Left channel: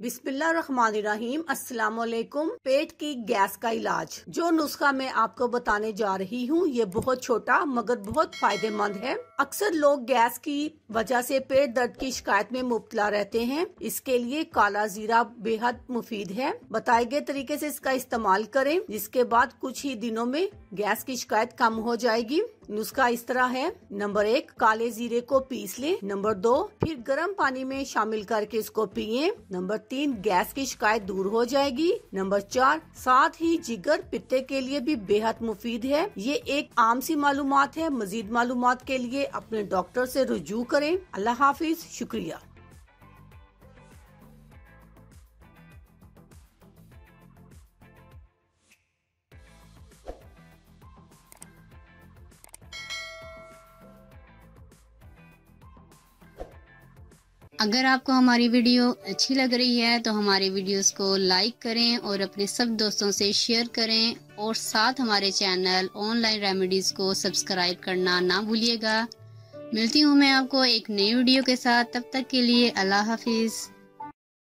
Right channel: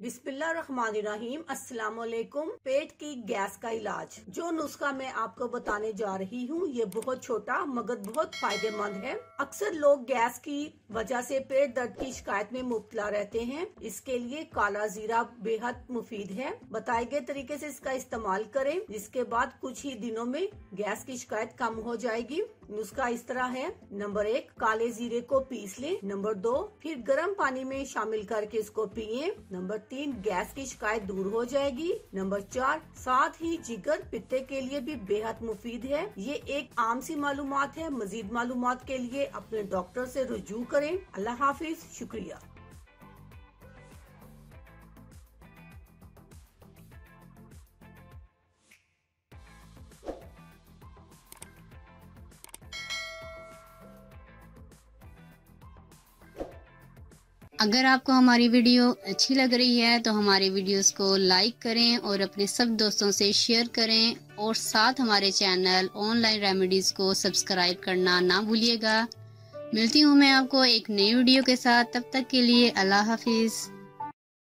बिस्मिल्लाहिर्रहमानिर्रहीम। अस्सलाम वालेकुम। पेट की गैस का इलाज, जो नुस्खा मैं आपको बताने जा रही हूँ ये बहुत छोटा मगर बहुत फायदेमंद है। अक्सर लोग गैस की वजह से पेट दर्द की शिकायत में मुब्तला रहते हैं। इसके लिए काला जीरा बेहद मुफीद है। बताए गए तरीके से इसका इस्तेमाल करें, जिसके बाद कुछ ही दिनों में गैस की शिकायत कम हो जाएगी। नुस्खा इस तरह है। नंबर 1, काले जीरे को पीस लें। नंबर 2, फिर गर्म पानी में शामिल करके इसको पिए। नंबर 3, गैस की शिकायत दूर हो जाएगी। नंबर 4, साथ ही जिगर पित्ते के लिए भी बेहद मुफीद है। ये एक आम सी मालूमात है। मजीद मालूमात के लिए अपने डॉक्टर से रुजू करें। अल्लाह हाफिज। शुक्रिया। अगर आपको हमारी वीडियो अच्छी लग रही है तो हमारे वीडियोस को लाइक करें और अपने सब दोस्तों से शेयर करें और साथ हमारे चैनल ऑनलाइन रेमेडीज को सब्सक्राइब करना ना भूलिएगा। मिलती हूँ मैं आपको एक नई वीडियो के साथ। तब तक के लिए अल्लाह हाफिज।